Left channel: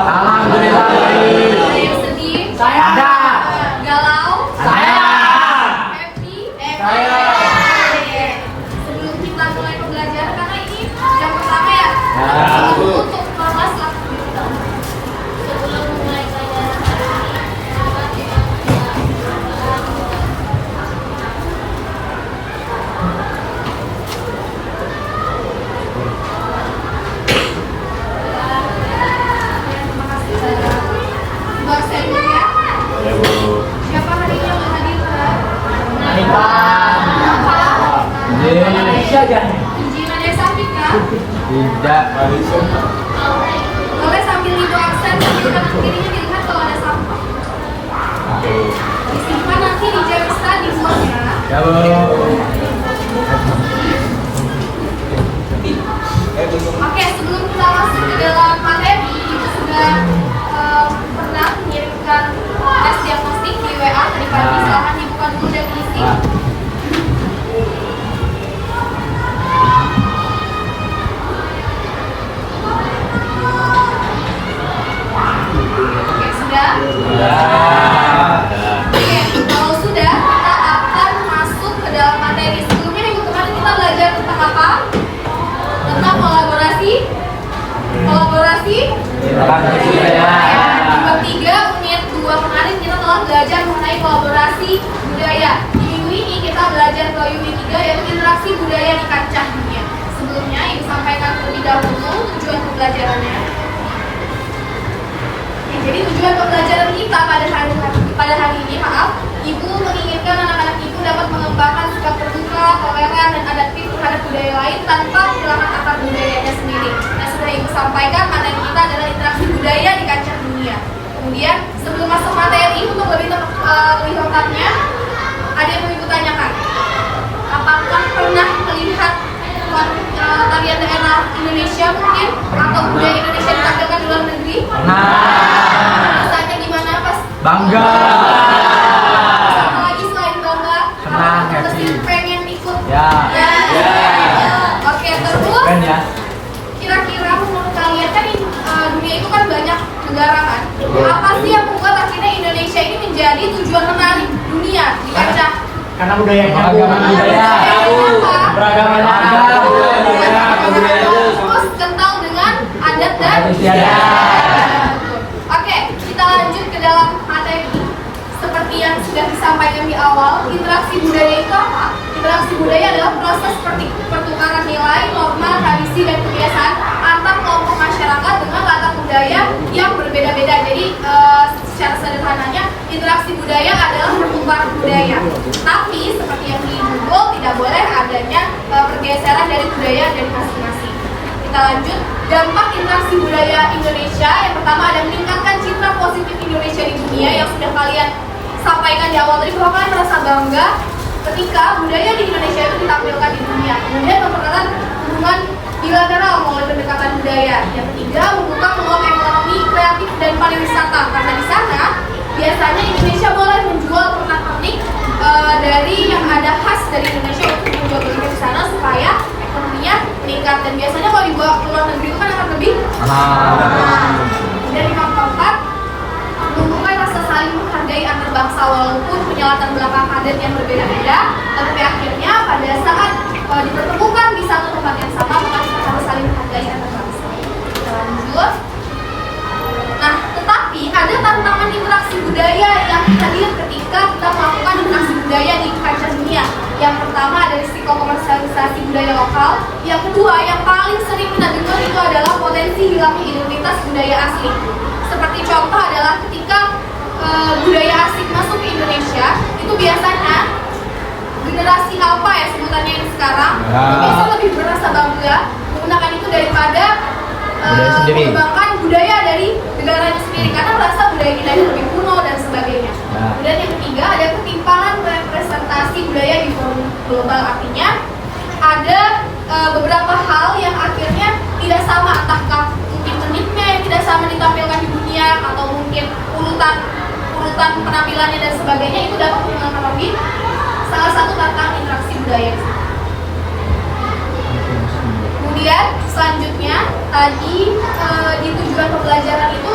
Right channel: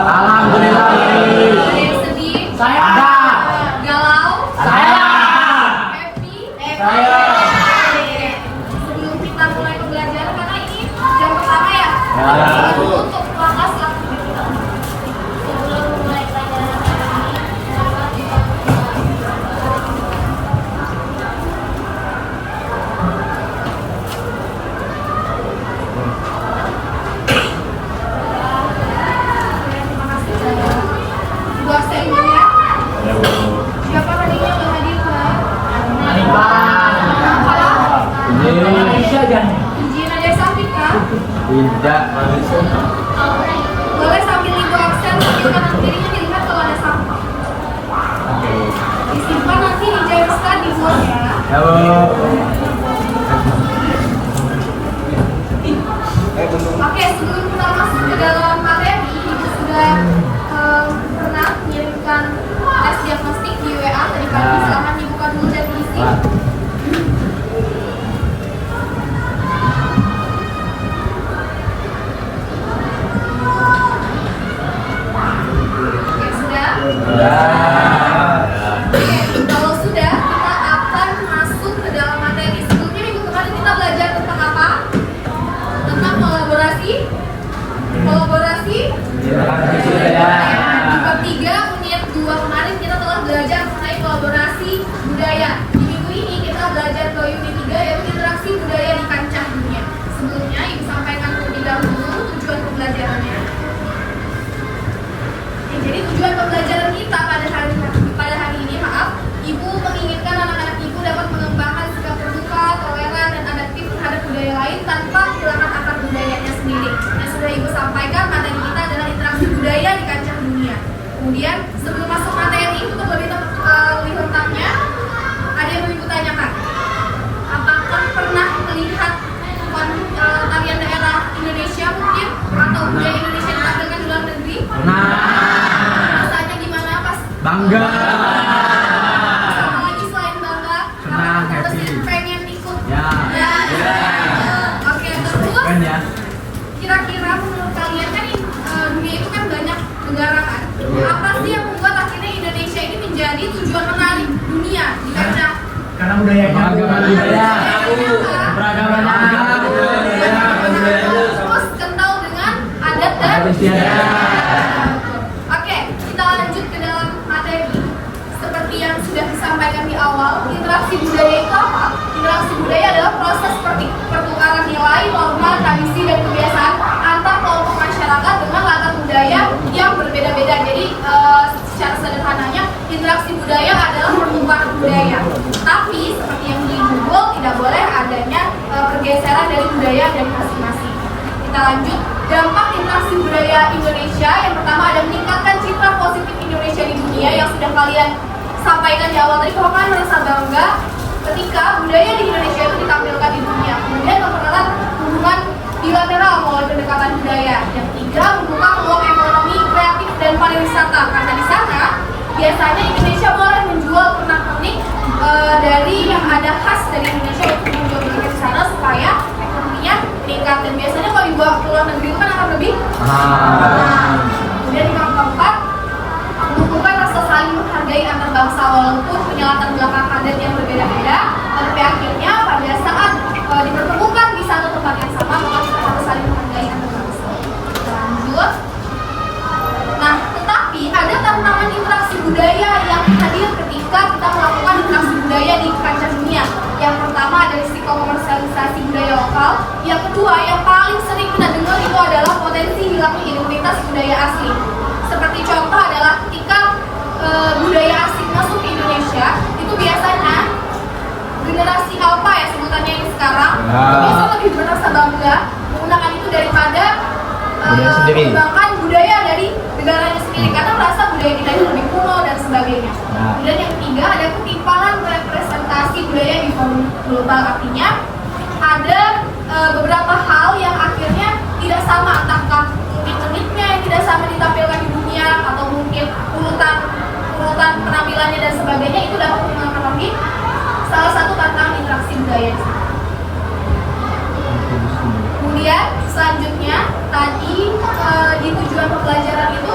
Alhamdulillah. Sedih? Ada. Galau? Saya. Happy? Saya. Oke. Sebelum kita mulai pembelajaran, karena ini jam pertama ya? Ya. Untuk kelas langsung kita. Sebelum mulai pelajaran dosen ya. Siapa tadi yang menghadirkan? Indonesia jangan. Izin aja Safika. Tidak. Boleh sambil ligo aksen, sambil kanan kirinya dilihat kalau ada sampah. Disimpan nanti di Jamsta di bos ya. Ya, Bu. Oke, sebelum kita masuk ke dalam materi, Ibu sudah pernah mengirimkan tes diagnostik di WA tadi pagi. Silahkan dibuka dulu dan diisi. Oke, sudah? Ya. Oke, kalau sudah, kita akan masuk ke dalam materi. Sebelumnya minggu kemarin kita belajar tentang apa? Tentang kolaborasi. Kolaborasi. Budaya. Di bab 3 unit 2 kemarin kita telah belajar mengenai kolaborasi budaya. Di minggu ini kita belajar ke unit 3 yaitu interaksi budaya di kancah dunia. Sebelumnya Ibu sampaikan terlebih dahulu tujuan pembelajarannya. Oke, jadi tujuan pembelajaran kita pada hari ini, Ibu menginginkan anak-anak Ibu dapat mengembangkan sikap terbuka, toleran, dan adaptif terhadap budaya lain tanpa kehilangan akar budayanya sendiri. Nah, sudah Ibu sampaikan materi kita adalah interaksi budaya di kancah dunia. Kemudian sebelum masuk materi, untuk lebih lengkapnya, ada yang Ibu tanyakan. Apakah pernah melihat tarian daerah Indonesia mungkin atau budaya Indonesia ditampilkan di luar negeri? Nah, Rasanya gimana pas? bangga. Sama lagi selain bangga, Senang, apa happy. mesti pengen ikut? Ya. Oke, terus Kan ya. kira-kira menurut kalian kan dunia itu kan banyak negara kan? Apa sih yang membuat akhirnya Indonesia ini menjadi tujuan menarik dunia di kancah? Karena budaya Beragaman budaya. beragaman Agam. Terus kental dengan adat dan Adat istiadat. Oke, kita lanjut ke dalam materi. Seperti yang sudah disampaikan di awal, interaksi budaya itu apa? Interaksi budaya adalah proses pertukaran nilai, norma, tradisi, dan kebiasaan antar kelompok masyarakat dengan latar budaya yang berbeda-beda. Jadi secara sederhananya, interaksi budaya adalah pertukaran budaya. Tapi seperti yang di Google, tidak boleh adanya pergeseran dari budaya dari masing-masing. Kita lanjut, dampak interaksi budaya Indonesia. Yang pertama ada meningkatkan citra positif Indonesia di dunia yang sudah kalian sampaikan di awal tadi, bahwa kalian merasa bangga ketika budaya di Indonesia itu ditampilkan di dunia. Kemudian mempererat hubungan bilateral melalui pendekatan budaya. Yang ketiga, membuka peluang ekonomi kreatif dan pariwisata, karena di sana biasanya Indonesia boleh menjual pernak-pernik dari yang ada khas dari Indonesia itu menjual ke sana supaya ekonominya meningkat. Dan biasanya kalau dibawa ke luar negeri itu kan akan lebih Dan yang keempat, menumbuhkan rasa saling menghargai antar bangsa walaupun punya latar belakang adat yang berbeda-beda, tapi akhirnya pada saat dipertemukan di satu tempat yang sama, maka kita harus saling menghargai antar bangsa. Kita lanjut. Nah, tetapi ada tantangan interaksi budaya yang hadir ketika kita melakukan interaksi budaya di kancah dunia. Yang pertama ada risiko komersialisasi budaya lokal. Yang kedua, yang paling sering kita dengar itu adalah potensi hilangnya identitas budaya asli. Seperti contoh adalah ketika budaya asing masuk ke Indonesia, itu biasanya generasi alpha ya sebutannya yang sekarang, itu biasa lebih merasa bangga menggunakan itu daripada budaya sendiri. mengembangkan budaya dari negaranya sendiri karena merasa budaya kita itu lebih kuno dan sebagainya. Dan yang ketiga ada ketimpangan representasi budaya di forum global, artinya ada beberapa hal yang akhirnya tidak sama, entahkah mungkin uniknya yang tidak sama ditampilkan di dunia atau mungkin urutan penampilannya dan sebagainya, itu dapat mempengaruhi salah satu tantangan interaksi budaya. Kemudian selanjutnya tadi di tujuan pembelajaran itu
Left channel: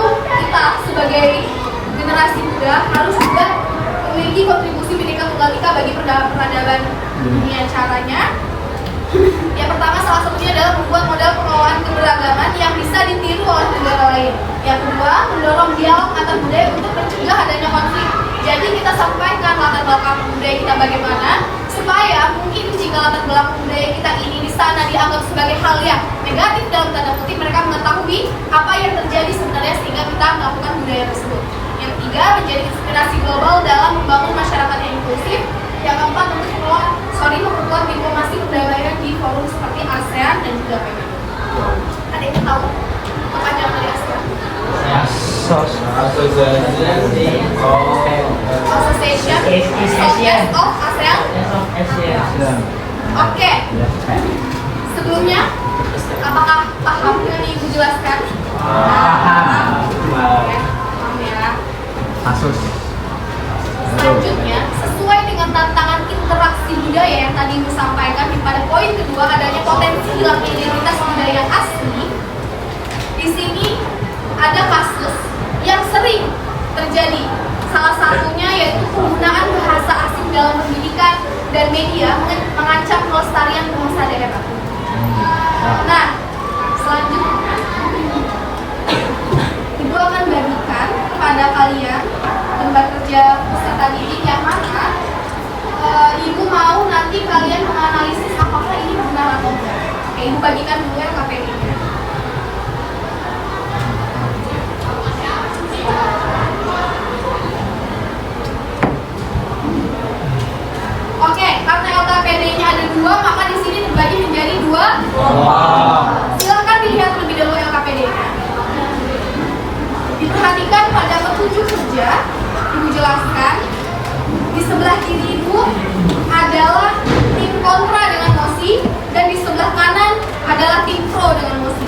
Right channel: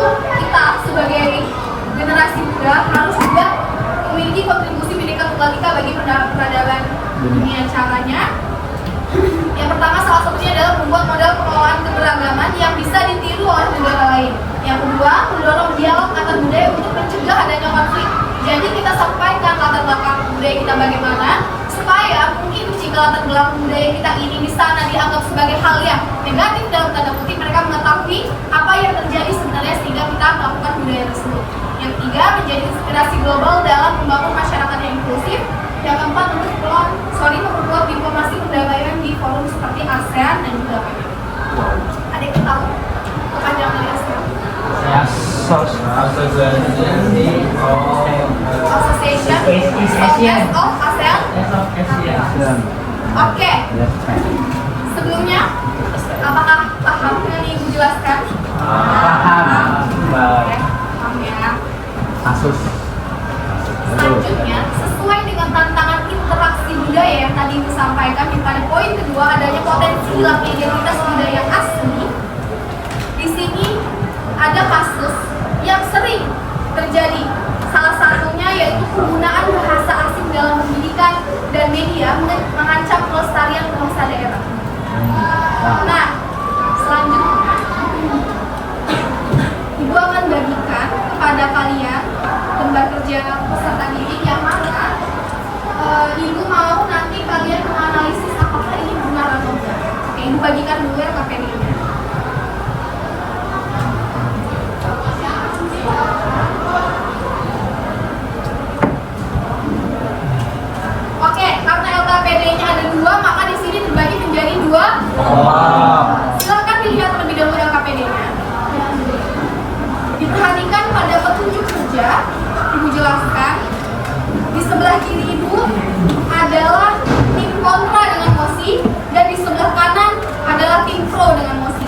peradaban dunia. Caranya yang pertama salah satunya adalah membuat model pengelolaan keberagaman yang bisa ditiru oleh negara lain. Yang kedua, mendorong dialog antar budaya untuk mencegah adanya konflik. Jadi kita sampaikan latar belakang budaya kita bagaimana, supaya mungkin jika latar belakang budaya kita ini di sana dianggap sebagai hal yang negatif dalam tanda kutip, mereka mengetahui apa yang terjadi sebenarnya sehingga kita melakukan budaya tersebut. Yang ketiga, menjadi inspirasi global dalam membangun masyarakat yang inklusif. Yang keempat, untuk memperkuat diplomasi perdamaian di forum seperti ASEAN dan juga PBB. Ada yang tahu kepanjangan dari ASEAN? Association of ASEAN. Oke. Sebelumnya, apakah paham yang Ibu jelaskan? Paham. Paham ya. Kasus. Selanjutnya, sesuai dengan tantangan interaksi budaya yang tadi Ibu sampaikan, pada poin kedua adanya potensi hilangnya identitas budaya asli. Di sini ada kasus yang sering terjadi. Salah satunya yaitu penggunaan bahasa asing dalam pendidikan dan media mengancam kelestarian bangsa daerah. Nah, selanjutnya Ibu akan bagikan kepada kalian lembar kerja peserta didik yang mana Ibu mau nanti kalian menganalisis apakah ini benar atau tidak. Oke, Ibu bagikan dulu ya KPD-nya. Oke, karena LKPD-nya ada dua, maka di sini dibagi menjadi dua. Silahkan dilihat terlebih dahulu LKPD-nya. Diperhatikan pada petunjuk kerja, Ibu jelaskan. Di sebelah kiri Ibu adalah tim kontra dengan mosi, dan di sebelah kanan adalah tim pro dengan mosi.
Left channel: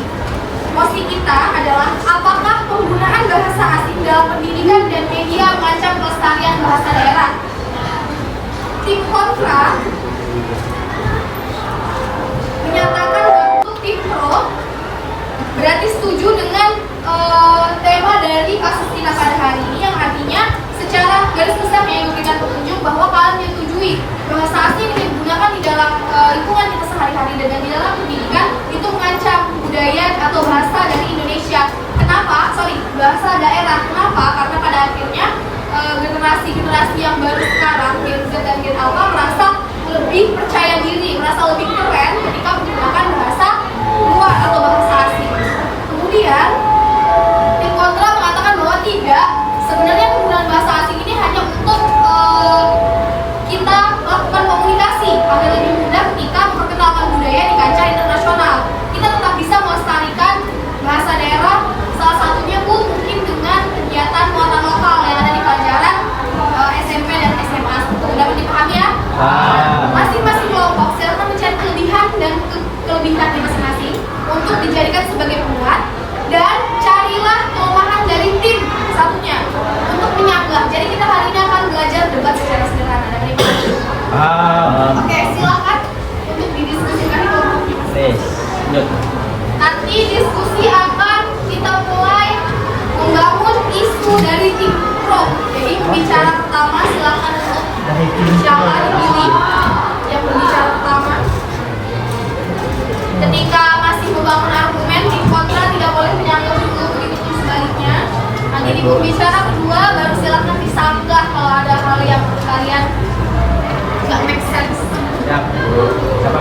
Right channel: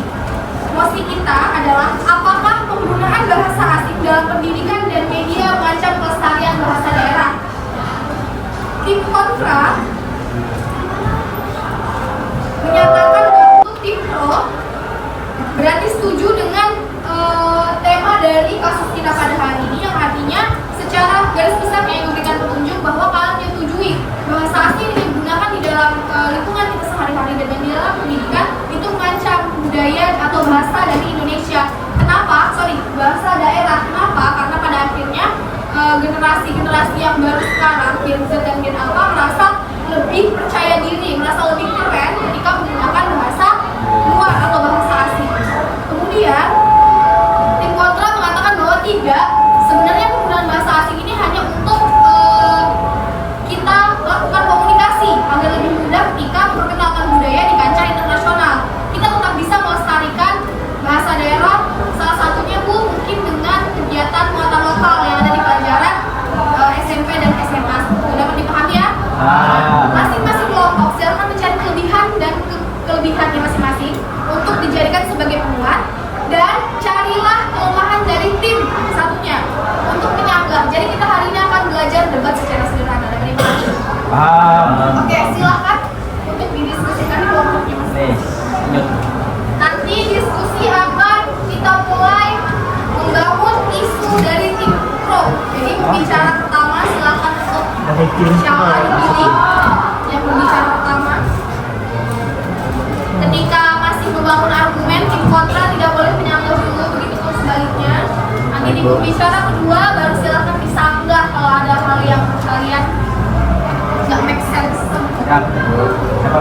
Mosi kita adalah apakah penggunaan bahasa asing dalam pendidikan dan media mengancam kelestarian bahasa daerah. Tim kontra menyatakan untuk tim pro berarti setuju dengan tema dari kasus kita pada hari ini, yang artinya secara garis besar yang memberikan petunjuk bahwa kalian menyetujui bahasa asing yang digunakan di dalam lingkungan kita sehari-hari dan di dalam pendidikan itu mengancam budaya atau bahasa dari Indonesia. Kenapa? Bahasa daerah. Kenapa? Karena pada akhirnya generasi yang baru sekarang, Gen Z dan Gen Alpha, merasa lebih percaya diri, merasa lebih keren ketika menggunakan bahasa luar atau bahasa asing. Kemudian tim kontra mengatakan bahwa tidak, sebenarnya penggunaan bahasa asing ini hanya untuk kita lakukan komunikasi agar lebih mudah ketika memperkenalkan budaya di kancah internasional. Kita tetap bisa melestarikan bahasa daerah, salah satunya pun mungkin dengan kegiatan muatan lokal yang ada di pelajaran SMP dan SMA. Dapat dipahami ya? Masing-masing kelompok silakan mencari kelebihan dan kelebihannya masing-masing untuk dijadikan sebagai penguat, dan carilah kelemahan dari tim satunya untuk menyangga. Jadi kita hari ini akan belajar debat secara sederhana. Terima kasih. Oke, silakan untuk didiskusikan di kelompoknya masing-masing. Nanti diskusi akan kita mulai membangun isu dari tim pro. Jadi pembicara pertama silakan untuk siapa dipilih yang berbicara pertama. Ketika masih membangun argumen, tim kontra tidak boleh menyangga dulu, begitu pun sebaliknya. Nanti di pembicara kedua baru silakan disanggah kalau ada hal yang kalian nggak make sense. Siapa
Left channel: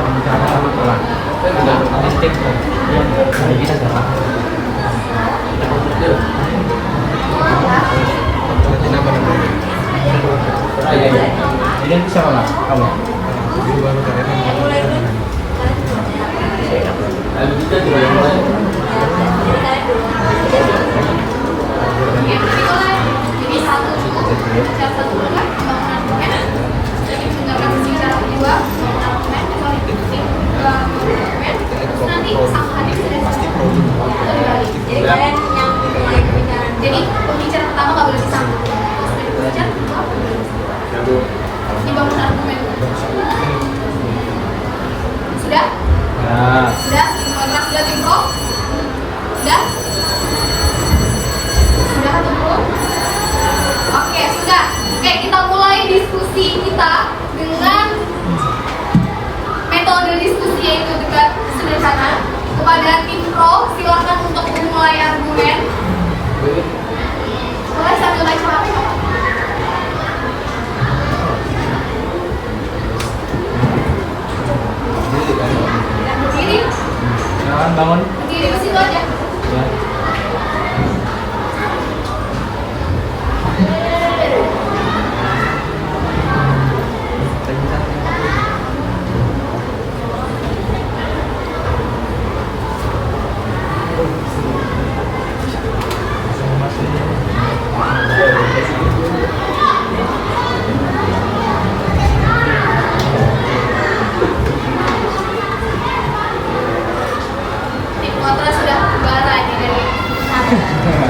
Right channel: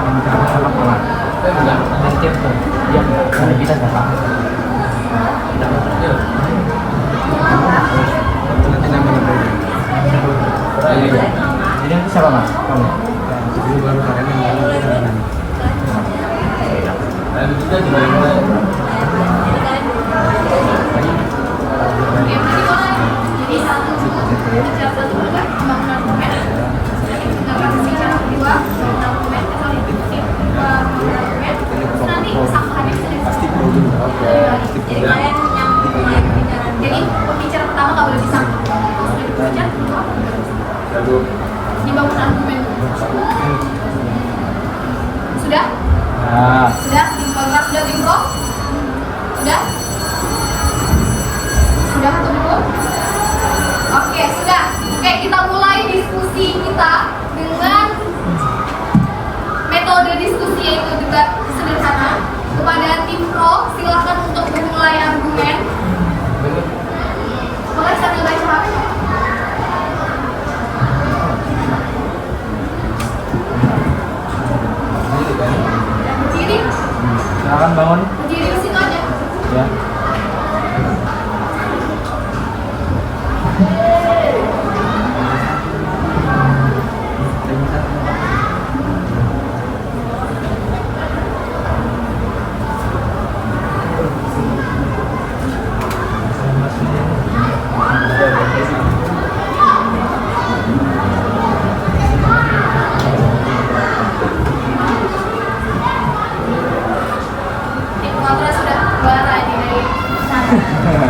pembicara pertama kalah? Ada tim yang ada kita siapa? Jadi itu siapa mas? Kamu? Baru kalian lalu kita mulai. Jadi satu pembicara pembangunan argumen, jadi mendengarkan pembicara kedua pembangunan argumen, nanti sangkahannya sudah pasti produk. Jadi kalian yang mulai pembicaraan. Jadi pembicara pertama nggak boleh disangka. Pembicara kedua dibangun argumen. Sudah? Sudah? Tim kontra sudah, tim pro?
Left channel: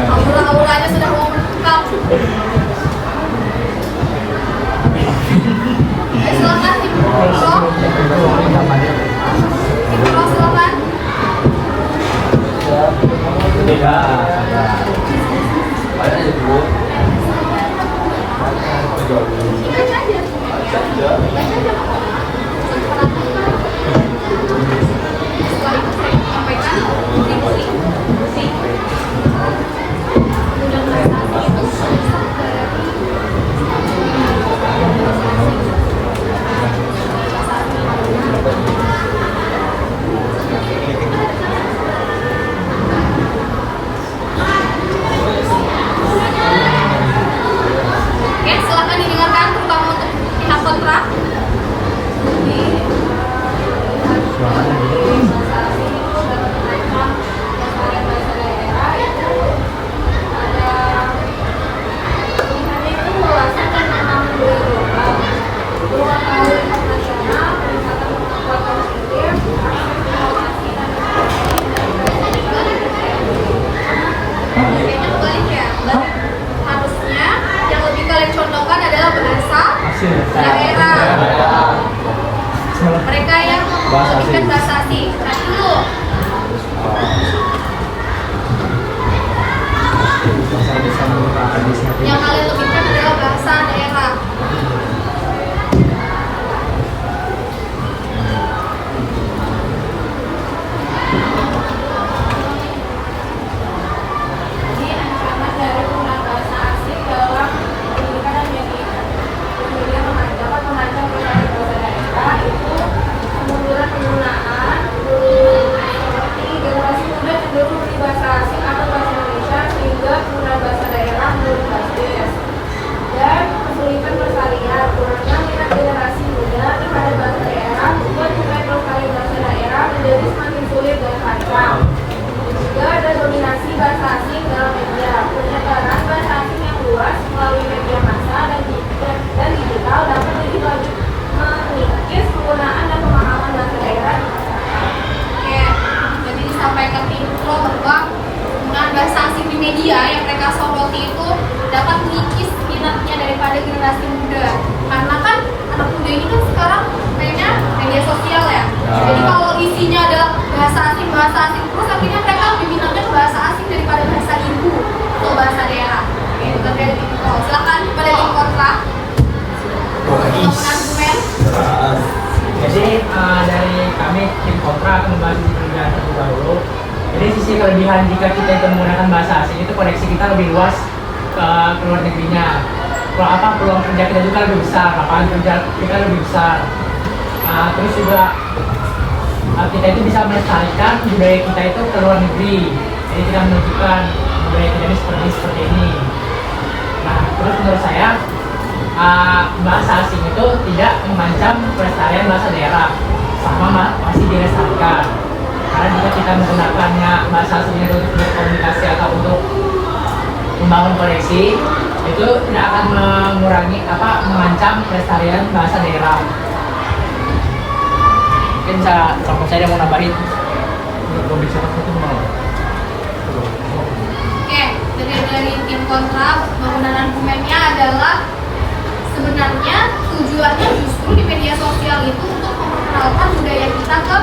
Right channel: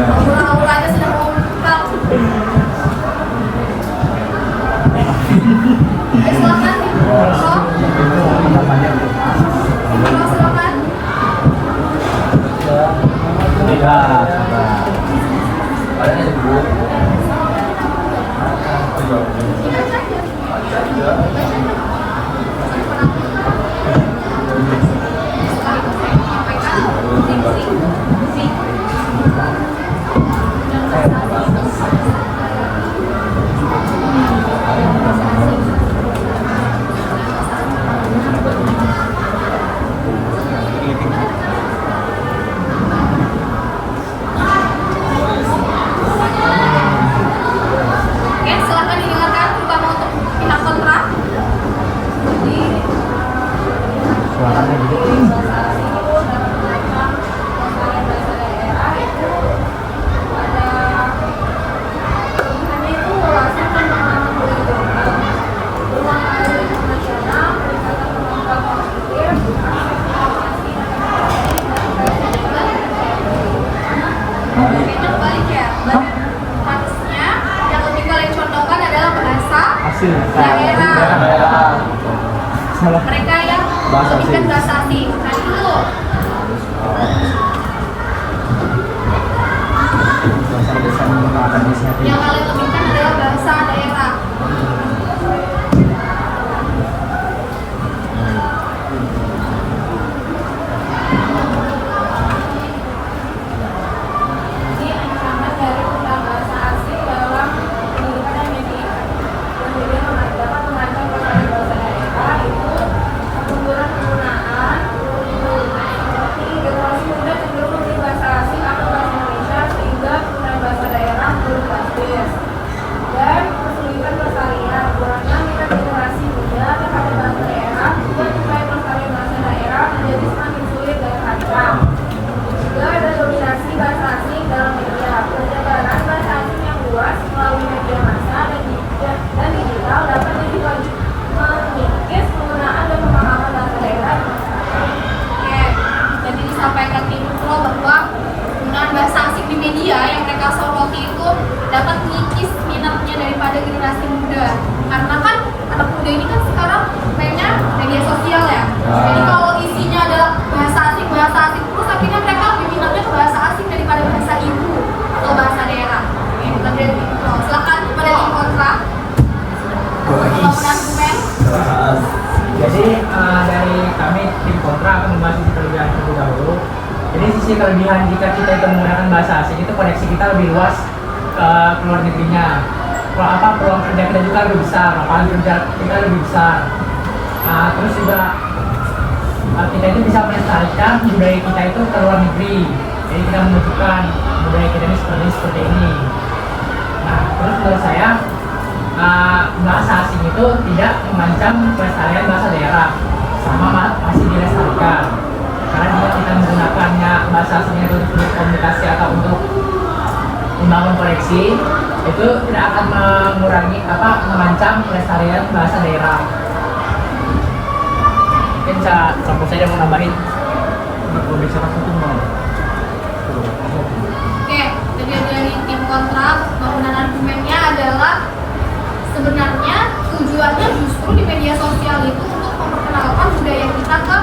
Aura-auranya sudah mengungkap. Ya, silakan Tim Pro. Tim Pro silakan. Ingat aja. Oke, silakan didengarkan terutama untuk pihak kontra. Suaranya begitu. Kayaknya kebalik ya. Harusnya yang lebih kalian contohkan adalah bahasa Hasil. daerah. Salah. Mereka yang Bahasa lebihkan asing. bahasa asing. Nah dulu, Bahasa desa menggunakan inisiatif. yang kalian lebihkan adalah bahasa daerah. Ini ancaman dari penggunaan bahasa asing dalam pendidikan dan media. Kemudian dapat mengancam kepada bahasa daerah itu kemunduran penggunaan seperti generasi muda cenderung memberi bahasa asing atau bahasa Indonesia sehingga penggunaan bahasa daerah belum drastis. Dan kesulitan pelestarian kurangnya minat generasi muda terhadap bahasa daerah sehingga upaya pelestarian bahasa daerah menjadi semakin sulit dan kacau. Juga ada dominasi bahasa asing dalam media. Penyebaran bahasa asing yang luas melalui media massa dan digital dapat jadi mengikis penggunaan dan pemahaman bahasa daerah. Oke, jadi disampaikan Tim Pro bahwa penggunaan bahasa asing di media yang mereka soroti itu dapat mengikis minatnya daripada generasi muda. Karena kan anak muda ini kan sekarang mainnya media sosial ya. Jadi kalau isinya adalah bahasa asing terus akhirnya mereka lebih minatnya ke bahasa asing daripada bahasa ibu atau bahasa daerah. Oke, itu dari Tim Pro. Silakan pada Tim Kontra. Bangunan argumen. Jadi dari kami tim kontra akan membahas sisi kelebihan terlebih dahulu. Jadi sisi kelebihan jika kita itu menggunakan bahasa asing itu koneksi kita lebih luas ke luar negerinya. Kalau peluang kerja kita juga lebih besar, lapangan kerja kita lebih besar. Terus juga kita itu bisa melestarikan budaya kita itu ke luar negeri. Jadi kita menunjukkan budaya kita ini seperti ini. Nah, terus menurut saya bahasa asing itu tidak mengancam pelestarian bahasa daerah, sama pasti dilestarikan. Karena jika kita menggunakannya bahasa asingnya untuk berkomunikasi atau untuk membangun koneksi, itu tidak akan mengancam pelestarian bahasa daerah. Mungkin saya mau nambahin. Kalau bicara satu mau. Oke, dari tim kontra bangunan argumennya adalah sebenarnya tujuannya justru di media sosial itu untuk memperkenalkan budaya kita ke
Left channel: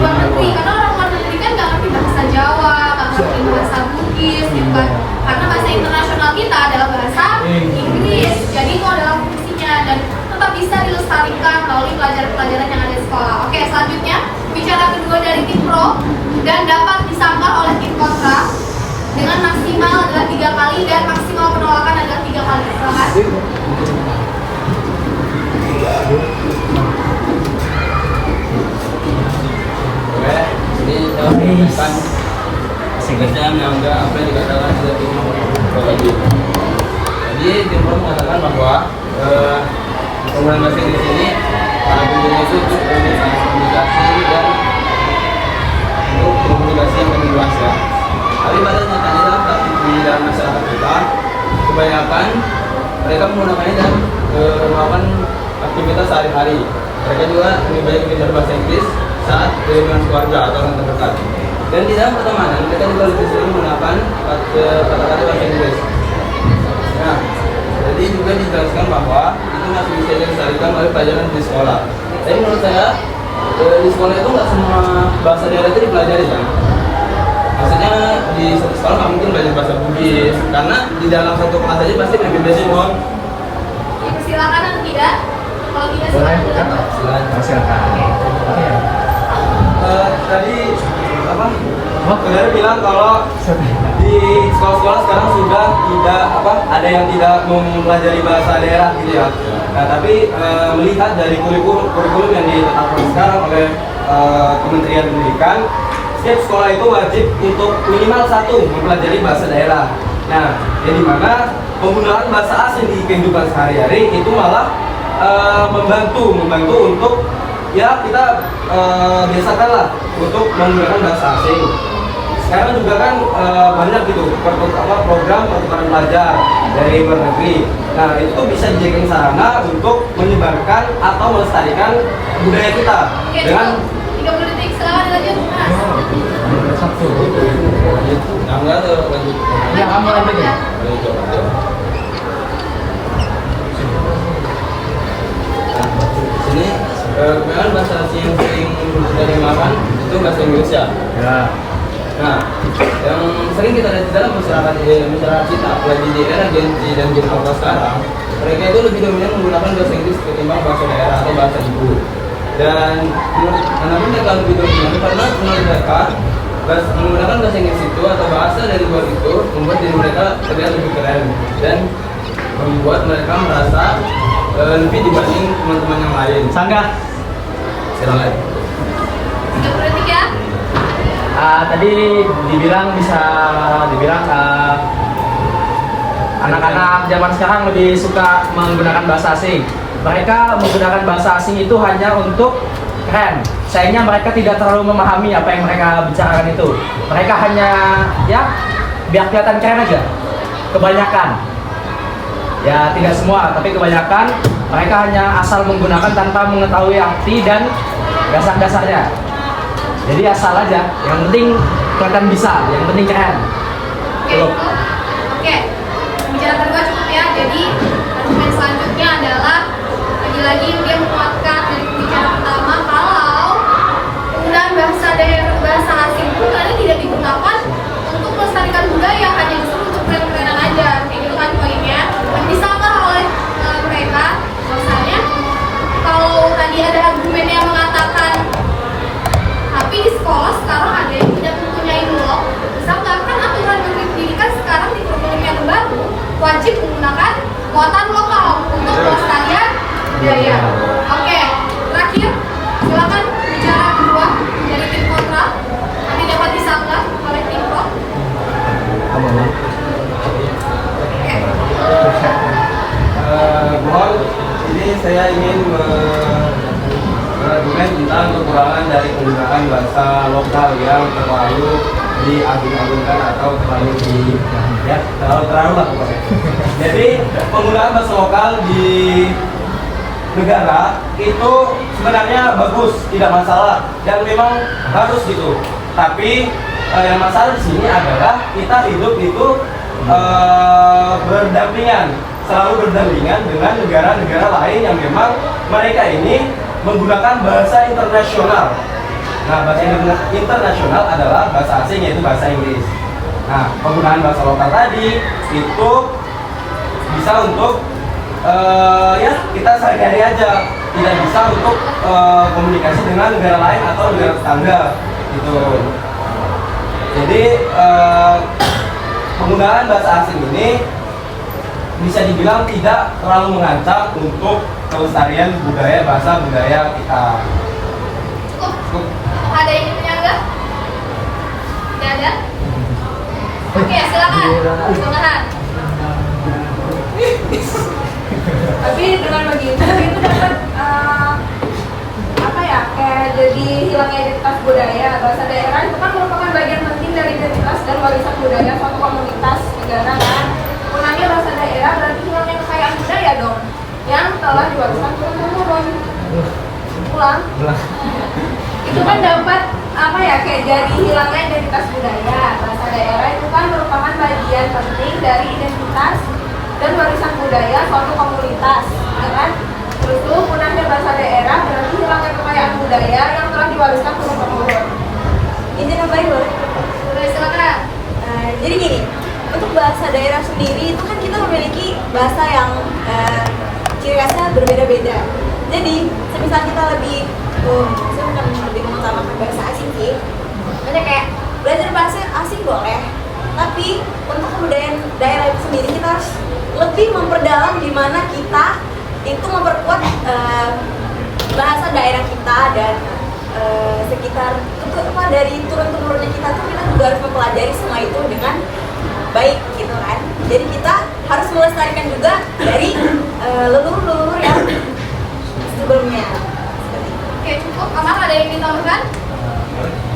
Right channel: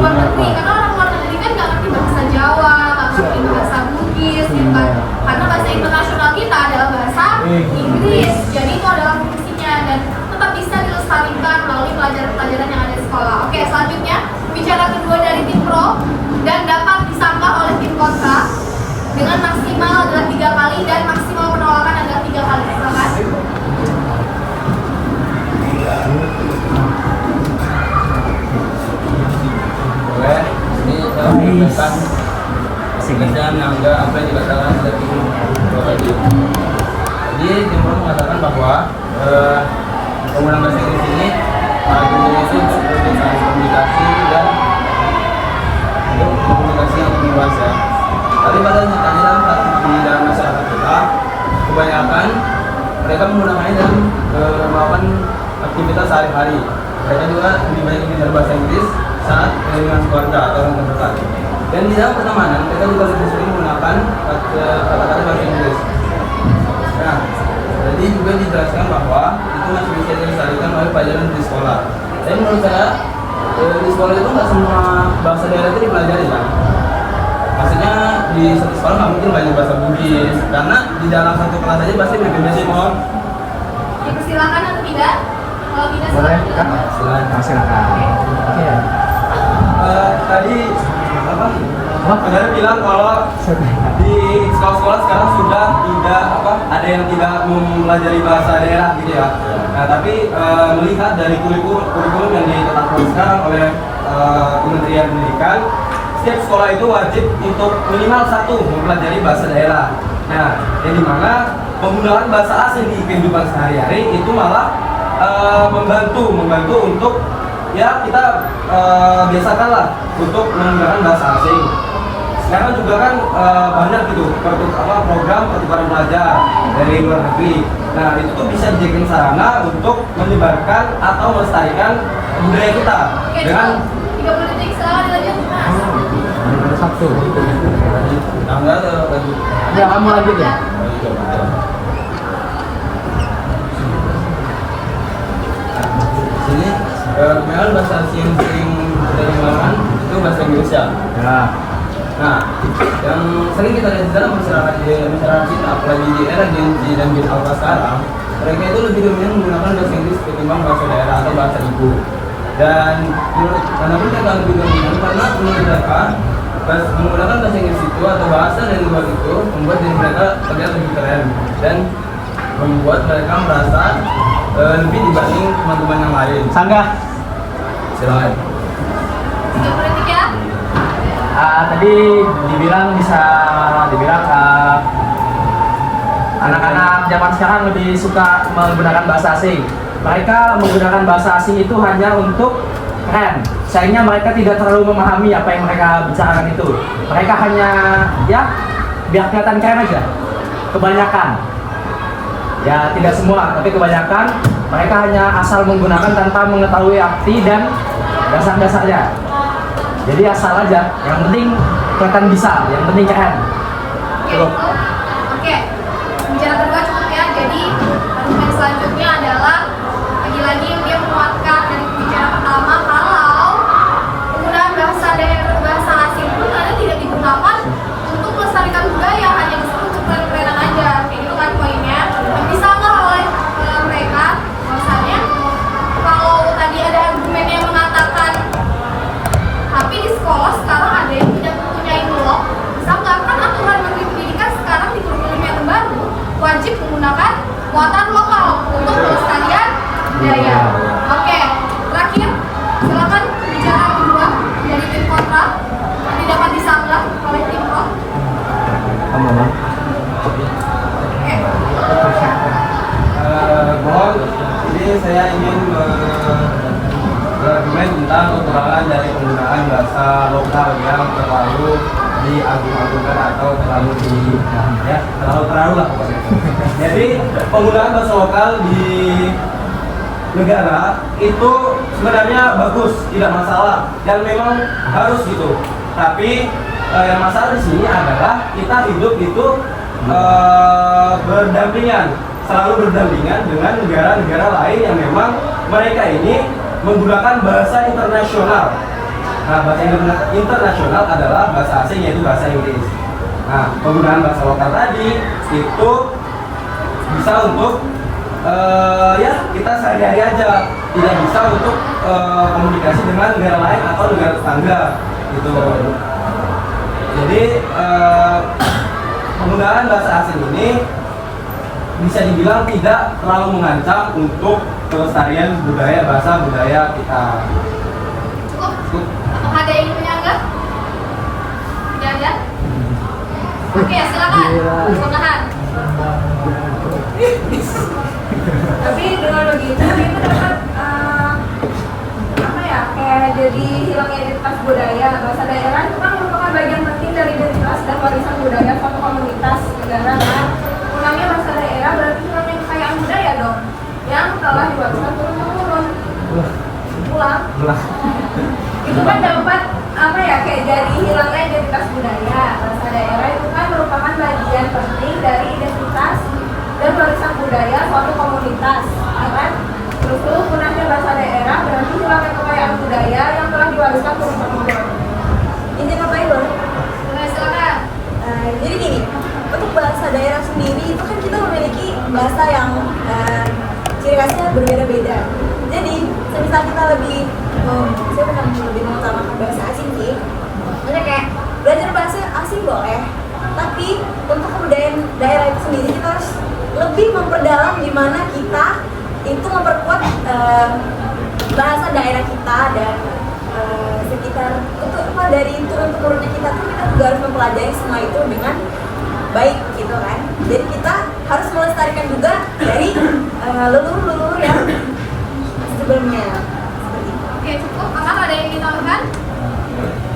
luar negeri, karena orang luar negeri kan nggak ngerti bahasa Jawa, nggak ngerti bahasa Bugis gitu kan, karena bahasa internasional kita adalah bahasa Inggris. Jadi itu adalah fungsinya dan tetap bisa dilestarikan melalui pelajaran-pelajaran yang ada di sekolah. Oke, selanjutnya bicara kedua dari tim pro dan dapat disangkal oleh tim kontra dengan maksimal adalah 3 kali dan maksimal penolakan adalah 3 kali. Silakan. Oke, ini saya menjelaskan sebenarnya menganggap apa yang dikatakan tidak tim Pro tadi. Jadi tim Pro mengatakan bahwa penggunaan bahasa Inggris ini tujuannya itu untuk komunikasi dan untuk komunikasi yang lebih luas ya. Tapi pada nyatanya di dalam masyarakat kita kebanyakan mereka menggunakannya dalam melakukan aktivitas sehari-hari. Mereka juga lebih banyak belajar bahasa Inggris saat dengan keluarga atau orang terdekat. Dan di dalam pertemanan kita juga lebih sering menggunakan kata-kata bahasa Inggris. Nah, jadi juga dijelaskan bahwa itu masih bisa dilestarikan oleh pelajaran di sekolah. Tapi menurut saya di sekolah itu nggak semua bahasa daerah itu dipelajari kan. Maksudnya di satu sekolah nggak mungkin belajar bahasa Bugis karena di dalam satu kelas aja pasti pakai Bugis semua. Ya, silakan atau tidak? Kalau tidak Boleh, silakan. Kak? Silakan. Silakan. Oke. Tadi apa? Saudara bilang kalau di sekolah-sekolah sekarang sudah tidak ada yang tidak mempelajari bahasa daerah gitu ya. Nah, tapi melihat dari kurikulum yang ditetapkan sekarang oleh Kementerian Pendidikan, setiap sekolah itu wajib untuk minimal satu mempelajari bahasa daerah. Nah, yang dimana penggunaan bahasa asing di kehidupan sehari-hari itu malah membantu untuk ya kita biasakanlah untuk menggunakan bahasa asing. Sekarang juga kan banyak gitu program pertukaran pelajar dari luar negeri. Nah, itu tuh bisa dijadikan sarana untuk menyebarkan atau melestarikan budaya kita Oke, dengan 30 detik silakan lanjut. Mas. Ada satu. tangga atau lanjut. Ya, kamu lanjutin. Ayo coba. Sini kebetulan bahasa asing yang sering kita gunakan itu bahasa Inggris ya. Ya. Nah, yang sering kita lihat di dalam masyarakat kita, apalagi di era Gen Z dan Gen Alpha sekarang, mereka itu lebih dominan menggunakan bahasa Inggris ketimbang bahasa daerah atau bahasa ibu. Dan kenapa mereka lebih dominan? Karena menurut mereka menggunakan bahasa Inggris itu atau bahasa dari luar itu membuat diri mereka terlihat lebih keren dan membuat mereka merasa lebih dibanding teman-teman yang lain. Sangga. Silakan. 30 detik ya. Tadi dibilang anak-anak zaman sekarang lebih suka menggunakan bahasa asing. Mereka menggunakan bahasa asing itu hanya untuk keren. Sayangnya mereka tidak terlalu memahami apa yang mereka bicarakan itu. Mereka hanya ya biar kelihatan keren aja. Kebanyakan. Ya tidak semua, tapi kebanyakan mereka hanya asal menggunakan tanpa mengetahui arti dan dasar-dasarnya. Jadi asal aja, yang penting kelihatan bisa, yang penting keren. Oke, itu. Oke. Bicara kedua cukup ya. Jadi argumen selanjutnya adalah lagi-lagi dia menguatkan dari pembicara pertama kalau penggunaan bahasa asing itu ternyata tidak digunakan untuk melestarikan budaya, hanya bisa untuk keren-kerenan aja. Kayak gitu kan poinnya. Yang bisa nggak oleh mereka bahwasanya kalau tadi ada argumen yang mengatakan tapi di sekolah sekarang ada yang tidak mempunyai blog, bisa nggak kan aturan Menteri Pendidikan sekarang di kurikulum yang baru wajib menggunakan muatan lokal untuk pelestarian budaya. Oke, terakhir silakan bicara kedua dari tim kontra nanti dapat disanggah oleh tim pro. Kamu lah. Oke. Mohon, ini saya ingin berargumen tentang kekurangan dari penggunaan bahasa lokal yang terlalu diagung-agungkan atau terlalu terlalu lah. Jadi penggunaan bahasa lokal di negara itu sebenarnya bagus, tidak masalah dan memang harus gitu. Tapi yang masalah di sini adalah kita hidup itu selalu berdampingan dengan negara-negara lain yang memang mereka ini menggunakan bahasa internasional. Nah, bahasa internasional adalah bahasa asing, yaitu bahasa Inggris. Nah, penggunaan bahasa lokal tadi itu bisa untuk ya kita sehari-hari aja, tidak bisa untuk komunikasi dengan negara lain atau negara tetangga gitu. Jadi penggunaan bahasa asing ini bisa dibilang tidak terlalu mengancam untuk kelestarian bahasa budaya kita. Cukup? Ada yang menyanggah? Tidak ada? Oke, silakan. Tangan. Tapi dengan begitu itu dapat apa ya, kayak jadi hilangnya identitas budaya. Bahasa daerah itu kan merupakan bagian penting dari identitas dan warisan budaya suatu komunitas negara kan. Hilangnya bahasa daerah berarti hilangnya kekayaan budaya dong yang telah diwariskan turun-temurun. Ulang. Itu kan dapat apa ya, kayak jadi hilangnya identitas dari identitas dan warisan budaya suatu komunitas, ya kan? Terus punahnya bahasa daerah berarti hilangnya kekayaan budaya yang telah diwariskan turun-temurun. Izin apa itu? Boleh, silakan. Jadi gini, untuk bahasa daerah sendiri itu kan kita memiliki bahasa yang ciri khasnya berbeda-beda. Jadi, semisal kita lebih, saya bukan lebih mengutamakan bahasa asing sih. Maksudnya kayak belajar bahasa asing boleh, tapi untuk kebudayaan daerah itu sendiri kita harus lebih memperdalam di mana kita itu memperkuat bahasa daerah kita dan sekitar untuk dari turun-temurunnya kita tuh kita juga harus mempelajari semua itu dengan baik gitu kan. Jadi kita harus melestarikan juga dari leluhur-leluhur yang sebelumnya. Oke, cukup. Kakak ada yang ditambahkan?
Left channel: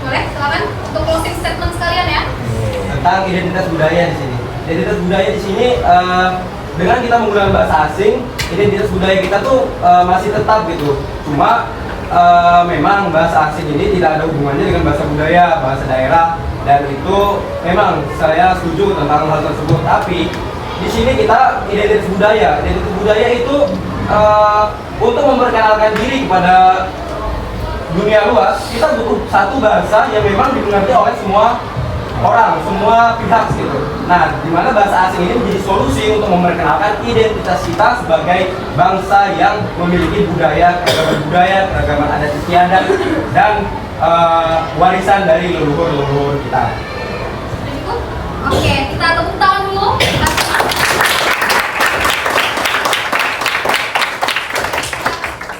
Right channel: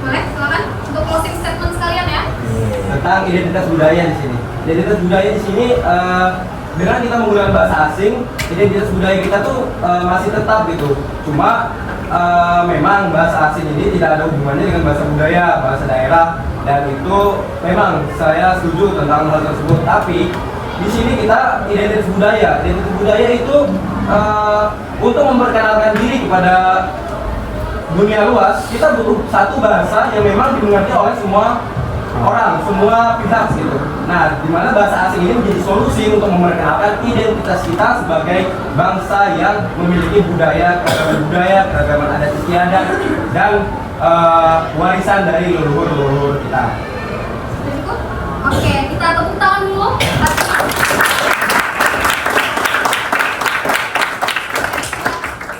Boleh, silakan untuk closing statement sekalian ya. Tentang identitas budaya di sini. Identitas budaya di sini dengan kita menggunakan bahasa asing, identitas budaya kita tuh masih tetap gitu. Cuma memang bahasa asing ini tidak ada hubungannya dengan bahasa budaya, bahasa daerah, dan itu memang saya setuju tentang hal tersebut. Tapi di sini kita identitas budaya itu untuk memperkenalkan diri kepada dunia luas, kita butuh satu bahasa yang memang dimengerti oleh semua orang, semua pihak gitu. Nah, di mana bahasa asing ini menjadi solusi untuk memperkenalkan identitas kita sebagai bangsa yang memiliki keragaman adat istiadat dan warisan dari leluhur kita. Cukup? Oke, kita tepuk tangan dulu.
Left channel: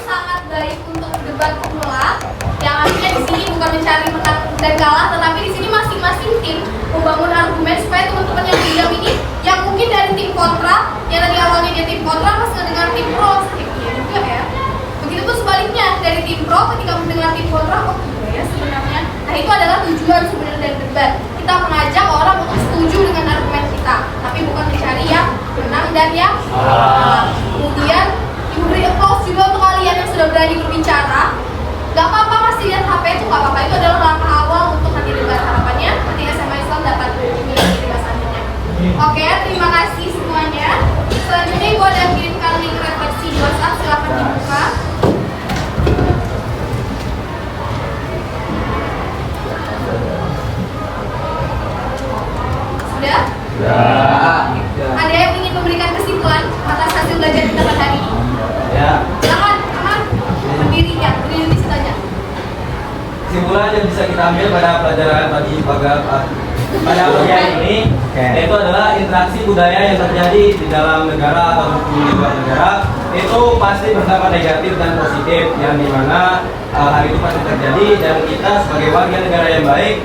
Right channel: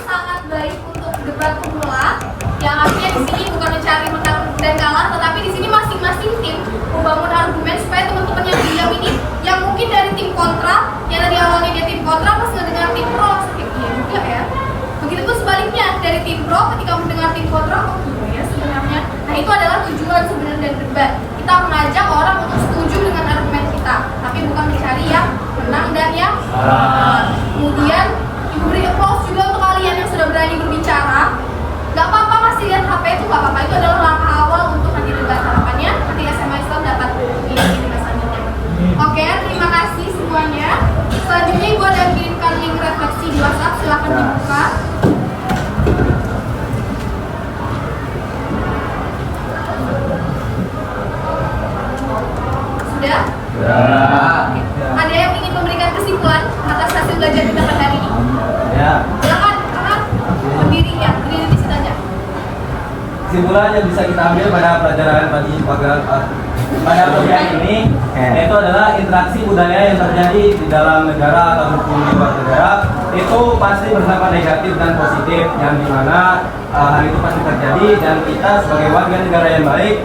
Sangat baik untuk debat pemula. Yang artinya di sini bukan mencari menang dan kalah, tetapi di sini masing-masing tim membangun argumen supaya teman-teman yang diam ini, yang mungkin dari tim kontra, yang tadi awalnya dia tim kontra, pas mendengar tim pro, iya juga ya. Begitu pun sebaliknya, dari tim pro ketika mendengar tim kontra, oh iya ya sebenarnya. Nah itu adalah tujuan sebenarnya dari debat. Kita mengajak orang untuk setuju dengan argumen kita, tapi bukan mencari yang menang dan yang kemudian diberi applause juga untuk kalian yang sudah berani berbicara. Gak apa-apa masih lihat HP itu gak apa-apa, itu adalah langkah awal untuk nanti debat. Harapannya nanti SMA Islam dapat mengikuti bahasannya. Oke, terima kasih semuanya. Selanjutnya gue ada kirimkan link refleksi di WhatsApp, silahkan dibuka. Sudah? Ada yang ingin memberikan kesimpulan atas hasil belajar kita pada hari ini? Ya. Silakan, berdiri ya, berdiri di situ aja. Kesimpulan yang bisa kita ambil pada pelajaran pada bagian ini yaitu adalah interaksi budaya yang terjadi di dalam negara ataupun di luar negara itu pasti bersama negatif dan positif, yang dimana hal itu pasti terjadi dan kita sebagai warga negara yang baik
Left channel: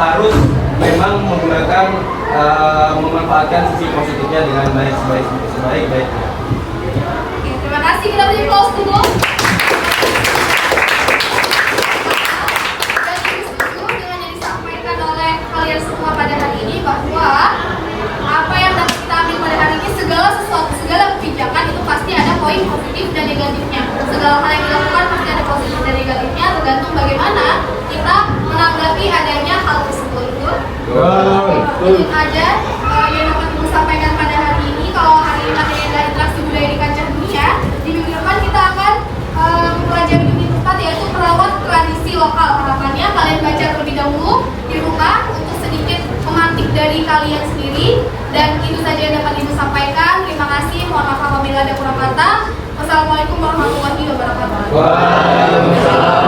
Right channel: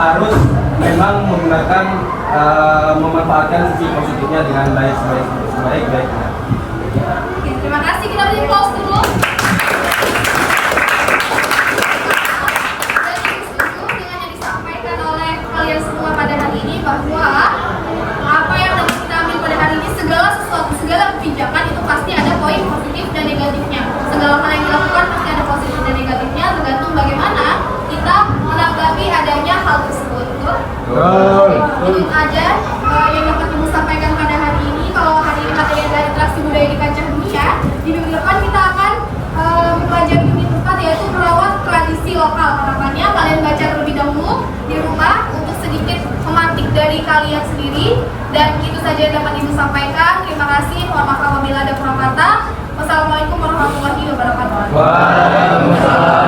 harus memang menggunakan memanfaatkan sisi positifnya dengan sebaik-baiknya. Oke, terima kasih, kita beri applause dulu. Kalian semua pada hari ini bahwa apa yang dapat kita ambil pada hari ini, segala kebijakan itu pasti ada poin positif dan negatifnya. Segala hal yang dilakukan pasti ada positif dan negatifnya, tergantung bagaimana kita menanggapi adanya hal tersebut. Ini aja yang dapat ibu sampaikan pada hari ini. Kalau hari ini materi adalah interaksi budaya di kancah dunia, di minggu depan kita akan mempelajari unit 4 yaitu merawat tradisi lokal. Harapannya kalian baca terlebih dahulu di rumah untuk sedikit memantik dari kalian sendiri. Dan itu saja yang dapat ibu sampaikan. Terima kasih. Mohon maaf apabila ada kurang kata. Wassalamualaikum warahmatullahi wabarakatuh. Waalaikumsalam.